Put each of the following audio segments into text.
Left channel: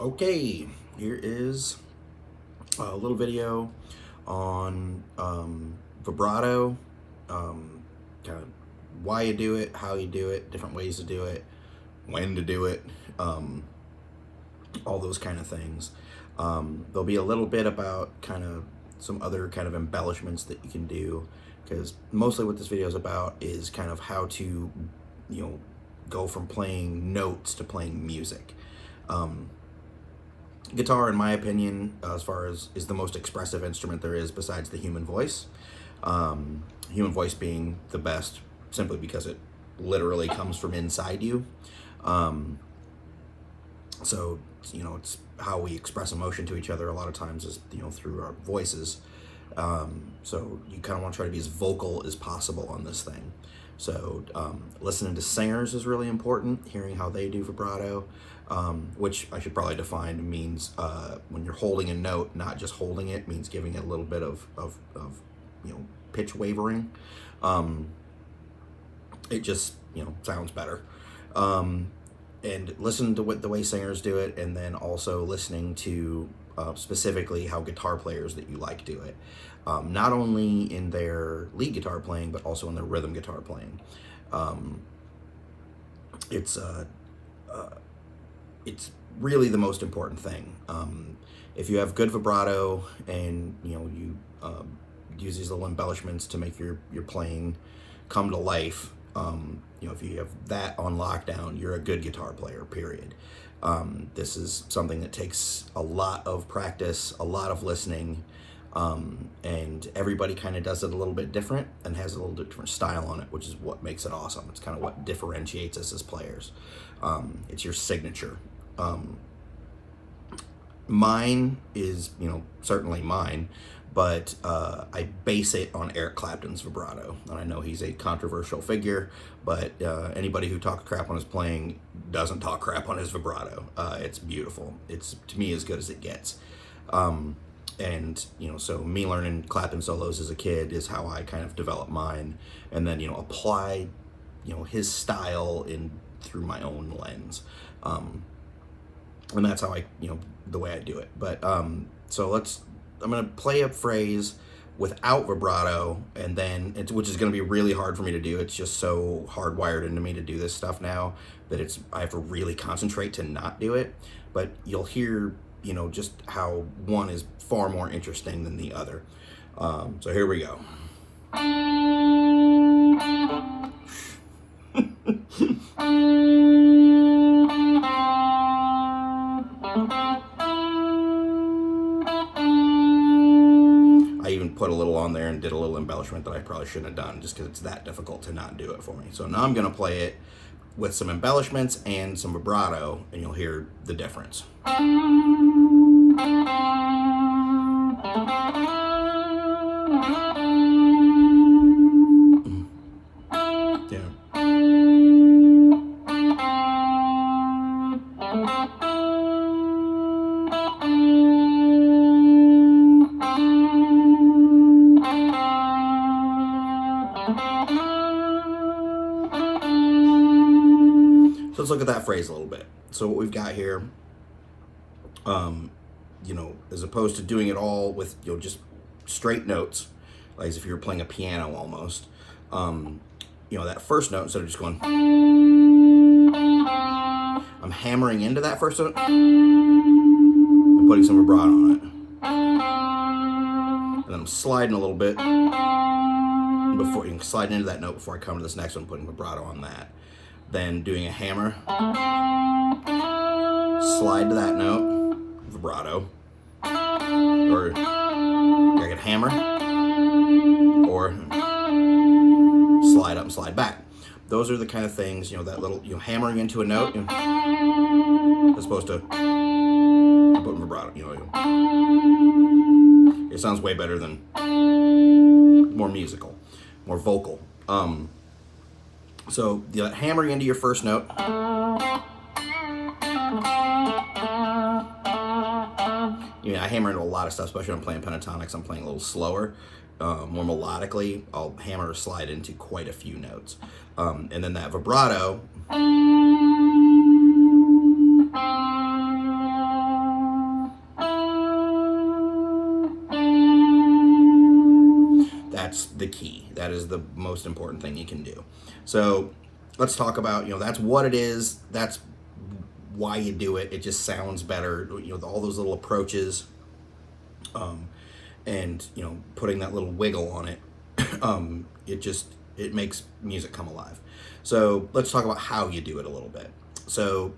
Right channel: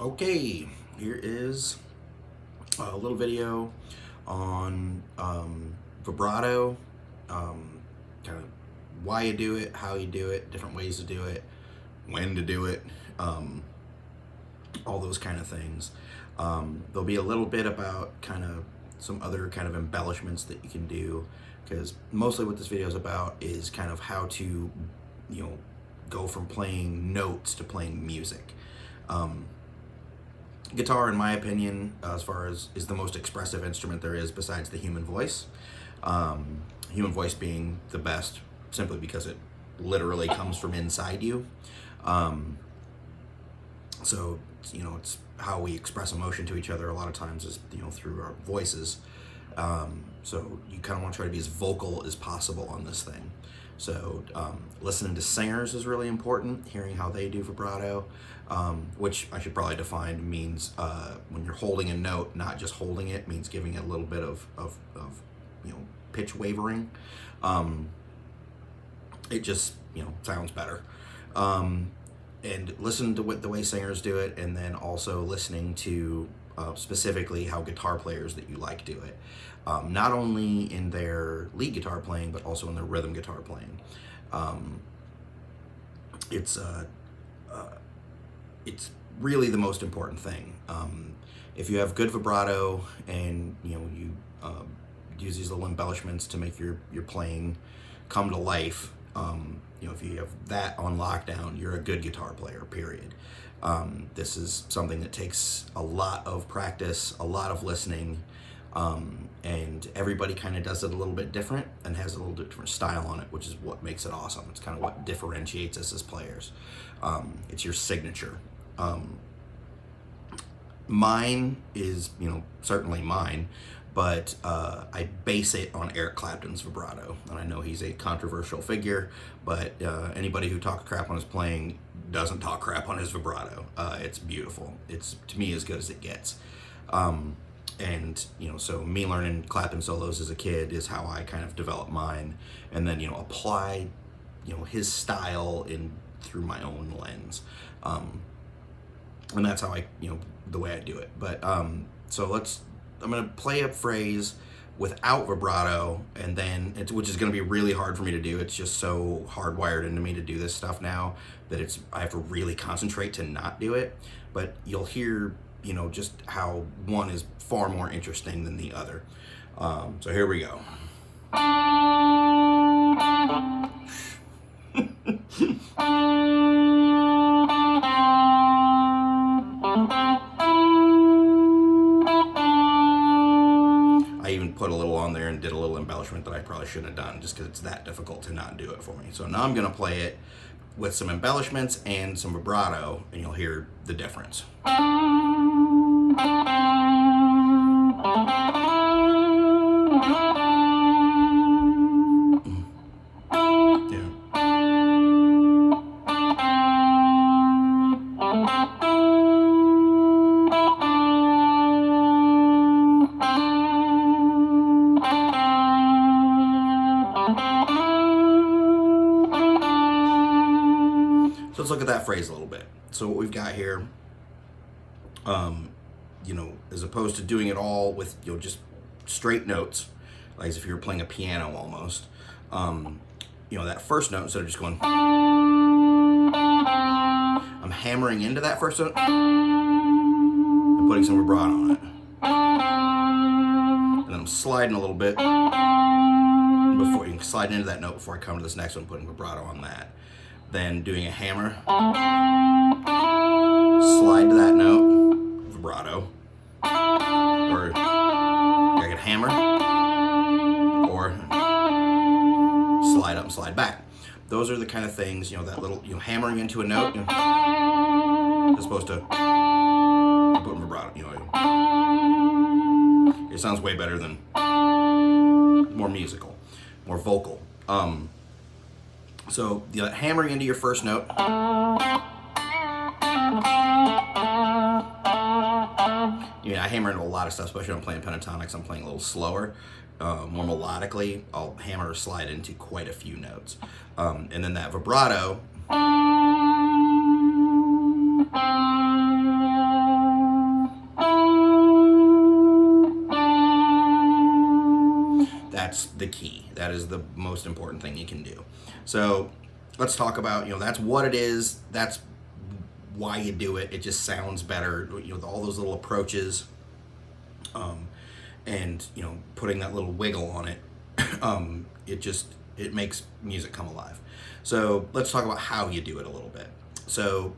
Okay, here is a little video on vibrato, kind of why you do it, how you do it, different ways to do it, when to do it, all those kind of things. There'll be a little bit about kind of some other kind of embellishments that you can do, because mostly what this video is about is kind of how to, go from playing notes to playing music. Guitar, in my opinion, as far as is the most expressive instrument there is besides the human voice. Human voice being the best simply because it literally comes from inside you. So, it's how we express emotion to each other a lot of times is, through our voices. So you kind of want to try to be as vocal as possible on this thing. So listening to singers is really important, hearing how they do vibrato, which I should probably define means when you're holding a note, not just holding it, means giving it a little bit of pitch wavering. It just, sounds better. And listen to the way singers do it, and then also listening to specifically how guitar players that you like do it. Not only in their lead guitar playing, but also in their rhythm guitar playing. It's really the most important thing. If you have good vibrato and you use these little embellishments to make your playing come to life, if you have that on lockdown, you're a good guitar player, period. This is something that takes a lot of practice, a lot of listening, and everybody kind of does it a little bit different and has a little different style on it, which is what makes it awesome. It's kind of what differentiates us as players. It's your signature. Mine is, certainly mine, but I base it on Eric Clapton's vibrato. And I know he's a controversial figure, but anybody who talks crap on his playing doesn't talk crap on his vibrato. It's beautiful. It's, to me, as good as it gets. And, so me learning Clapton solos as a kid is how I kind of developed mine, and then, apply, his style through my own lens. And that's how I, the way I do it. But, so I'm going to play a phrase without vibrato, and then which is going to be really hard for me to do. It's just so hardwired into me to do this stuff now that I have to really concentrate to not do it. But you'll hear, just how one is far more interesting than the other. So here we go. I even put a little on there and did a little embellishment that I probably shouldn't have done, just because it's that difficult to not do it for me. So now I'm going to play it with some embellishments and some vibrato, and you'll hear the difference. So let's look at that phrase a little bit. So what we've got here, as opposed to doing it all with, just straight notes, like as if you were playing a piano almost, that first note, instead of just going, I'm hammering into that first note and putting some vibrato on it. And then I'm sliding a little bit before you can slide into that note before I come to this next one, putting vibrato on that. Then doing a hammer, slide to that note, vibrato, or I can hammer, or slide up and slide back. Those are the kind of things, that little, hammering into a note, as opposed to putting vibrato, it sounds way better than, more musical, more vocal. So hammering into your first note, I hammer into a lot of stuff, especially when I'm playing pentatonics. I'm playing a little slower, more melodically. I'll hammer or slide into quite a few notes. And then that vibrato, that's the key. That is the most important thing you can do. So let's talk about, that's what it is. That's why you do it. It just sounds better, all those little approaches, and putting that little wiggle on it. It makes music come alive. So let's talk about how you do it a little bit. So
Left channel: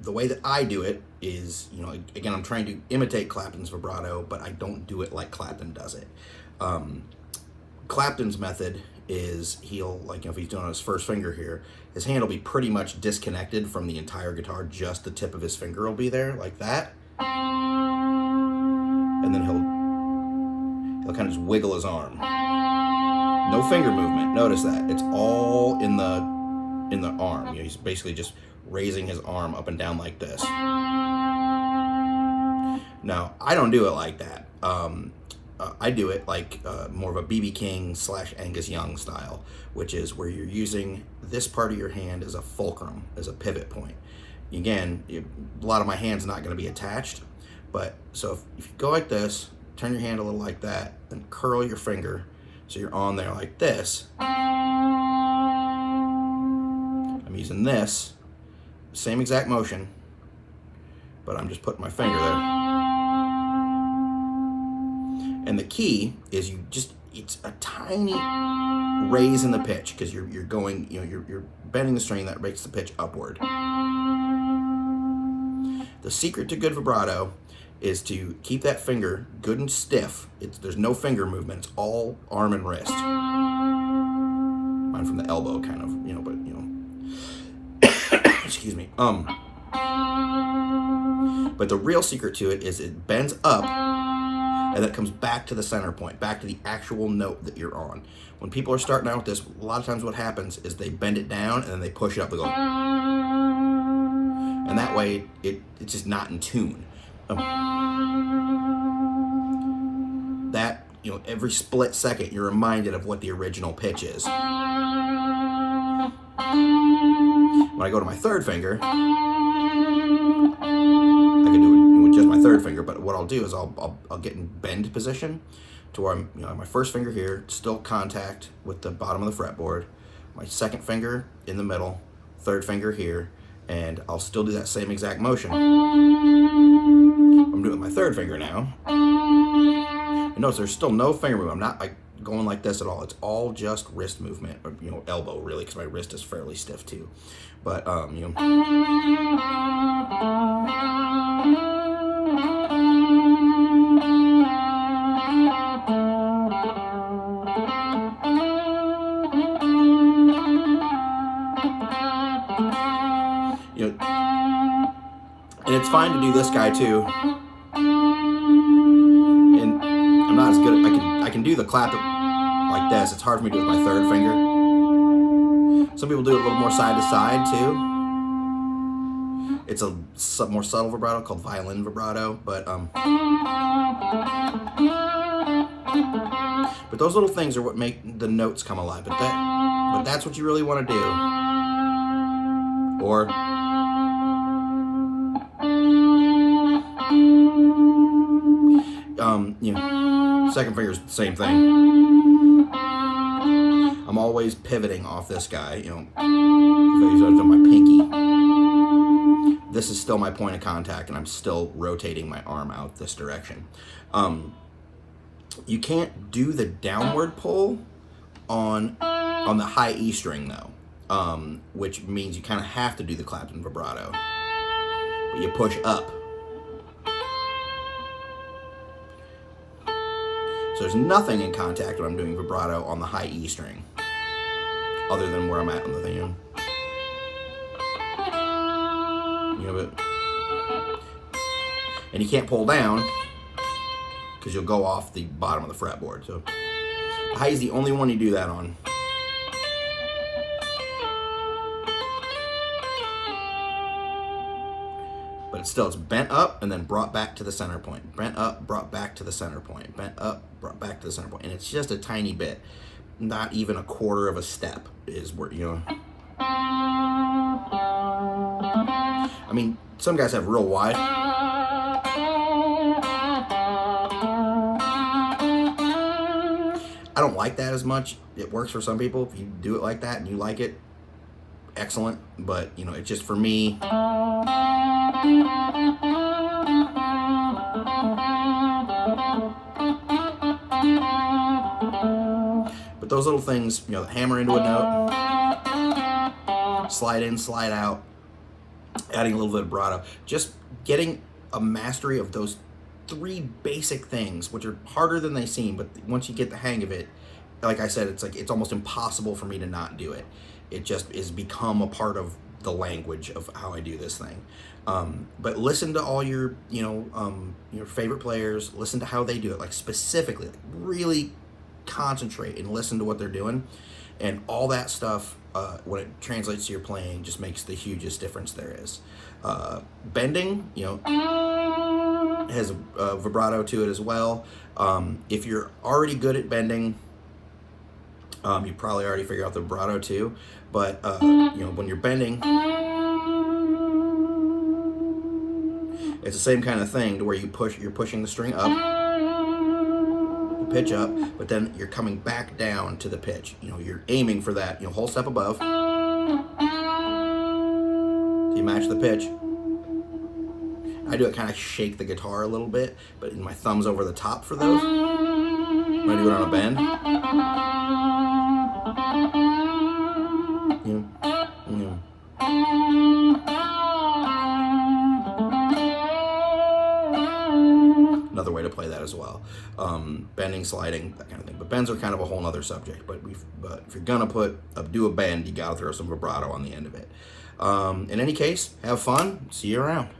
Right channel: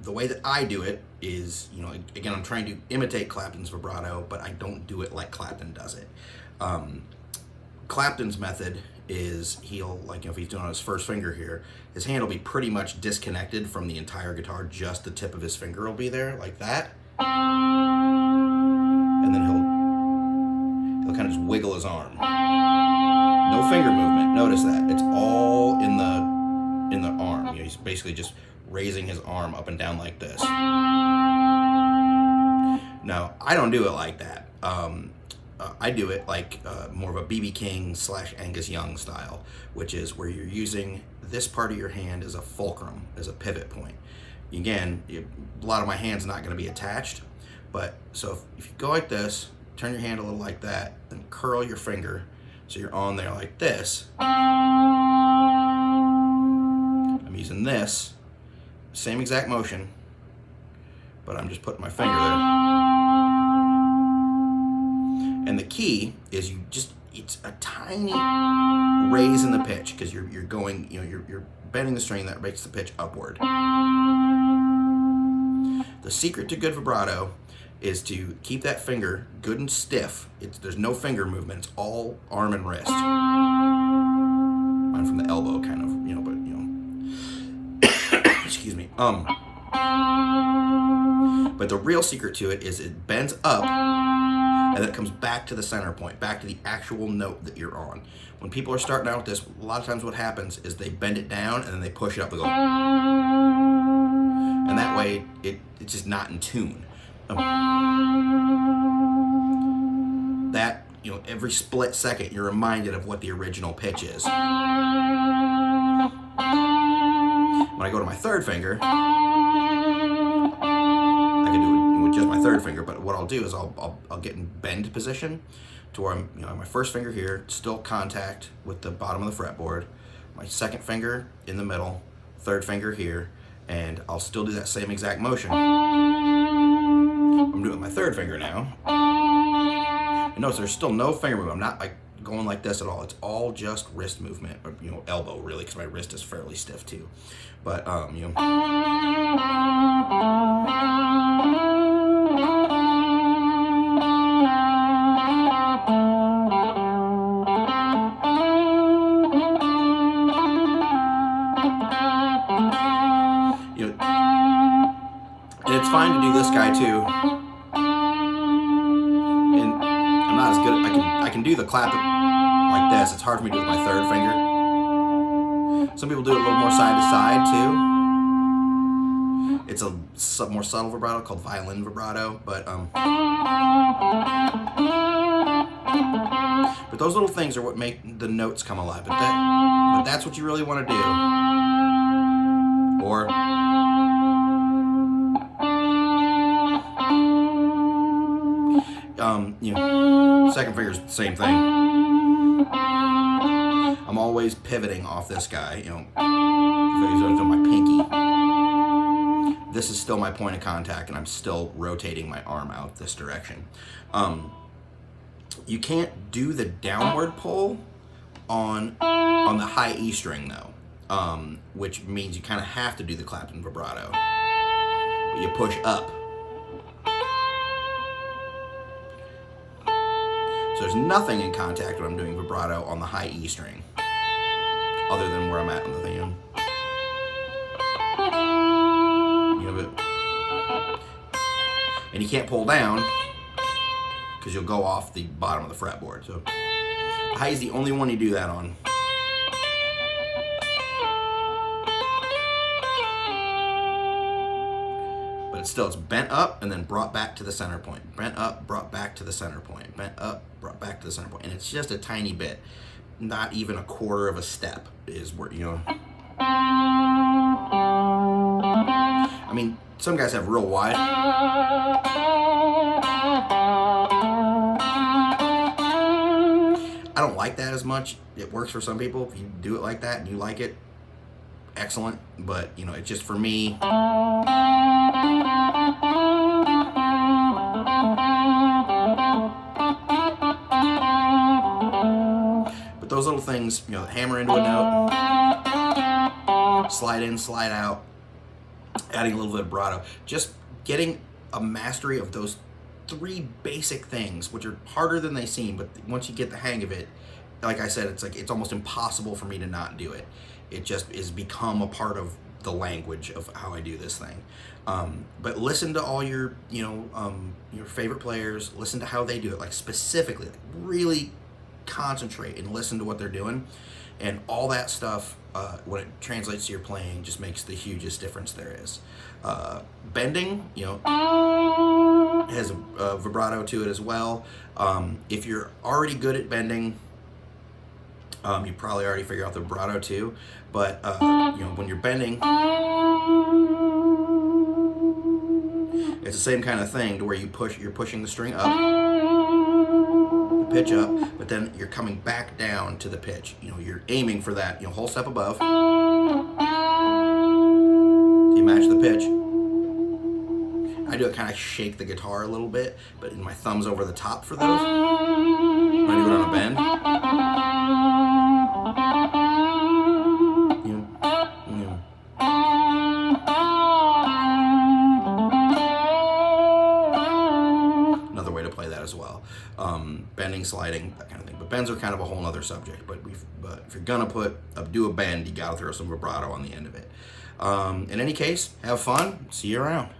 the way that I do it is, again, I'm trying to imitate Clapton's vibrato, but I don't do it like Clapton does it. Clapton's method is if he's doing on his first finger here, his hand will be pretty much disconnected from the entire guitar. Just the tip of his finger will be there like that. And then he'll kind of just wiggle his arm. No finger movement. Notice that. It's all in the arm. He's basically just raising his arm up and down like this. Now, I don't do it like that. I do it like more of a B.B. King / Angus Young style, which is where you're using this part of your hand as a fulcrum, as a pivot point. Again, a lot of my hand's not going to be attached, but so if you go like this, turn your hand a little like that, then curl your finger so you're on there like this. I'm using this, same exact motion, but I'm just putting my finger there. And the key is it's a tiny raise in the pitch, because you're going, you're bending the string that makes the pitch upward. The secret to good vibrato is to keep that finger good and stiff. There's no finger movement. It's all arm and wrist. Mine from the elbow, kind of, but excuse me. But the real secret to it is it bends up, and then it comes back to the center point, back to the actual note that you're on. When people are starting out with this, a lot of times what happens is they bend it down and then they push it up and go, and that way it's just not in tune. That, every split second you're reminded of what the original pitch is. When I go to my third finger, I can do it with just my third finger, but what I'll do is I'll get in bend position to where I'm, my first finger here, still contact with the bottom of the fretboard, my second finger in the middle, third finger here, and I'll still do that same exact motion. I'm doing my third finger now. And notice there's still no finger movement. I'm not like going like this at all. It's all just wrist movement, or elbow really, because my wrist is fairly stiff too. But and it's fine to do this guy too. And I'm not as good. I can do the clap like this. It's hard for me to do with my third finger. Some people do it a little more side to side too. It's a more subtle vibrato called violin vibrato, but those little things are what make the notes come alive. But that's what you really want to do. Or second finger's the same thing. I'm always pivoting off this guy, if I use my pinky. This is still my point of contact, and I'm still rotating my arm out this direction. You can't do the downward pull on the high E string though, which means you kind of have to do the Clapton vibrato, but you push up. So there's nothing in contact when I'm doing vibrato on the high E string, other than where I'm at on the thing. And you can't pull down because you'll go off the bottom of the fretboard. So the high E is the only one you do that on. But it's bent up and then brought back to the center point. Bent up, brought back to the center point. Bent up, brought back to the center point. And it's just a tiny bit. Not even a quarter of a step is where, I mean, some guys have real wide. I don't like that as much. It works for some people. If you do it like that and you like it, excellent. But, you know, it's just for me. But those little things, you know, the hammer into a note, slide in, slide out, adding a little bit of vibrato, just getting a mastery of those three basic things, which are harder than they seem, but once you get the hang of it, like I said, it's like it's almost impossible for me to not do it. It just is become a part of the language of how I do this thing. But listen to all your, you know, your favorite players. Listen to how they do it, like specifically, like really concentrate and listen to what they're doing, and all that stuff. When it translates to your playing, just makes the hugest difference there is. Bending, you know, has a vibrato to it as well. If you're already good at bending, you probably already figure out the vibrato too. But you know, when you're bending, it's the same kind of thing to where you're pushing the string up, the pitch up, but then you're coming back down to the pitch. You know, you're aiming for that, you know, whole step above. You match the pitch. I do it kind of shake the guitar a little bit, but my thumb's over the top for those. When I do it on a bend. Another way to play that as well. Bending, sliding, that kind of thing. But bends are kind of a whole nother subject. But if you're gonna do a bend, you gotta throw some vibrato on the end of it. In any case, have fun. See you around.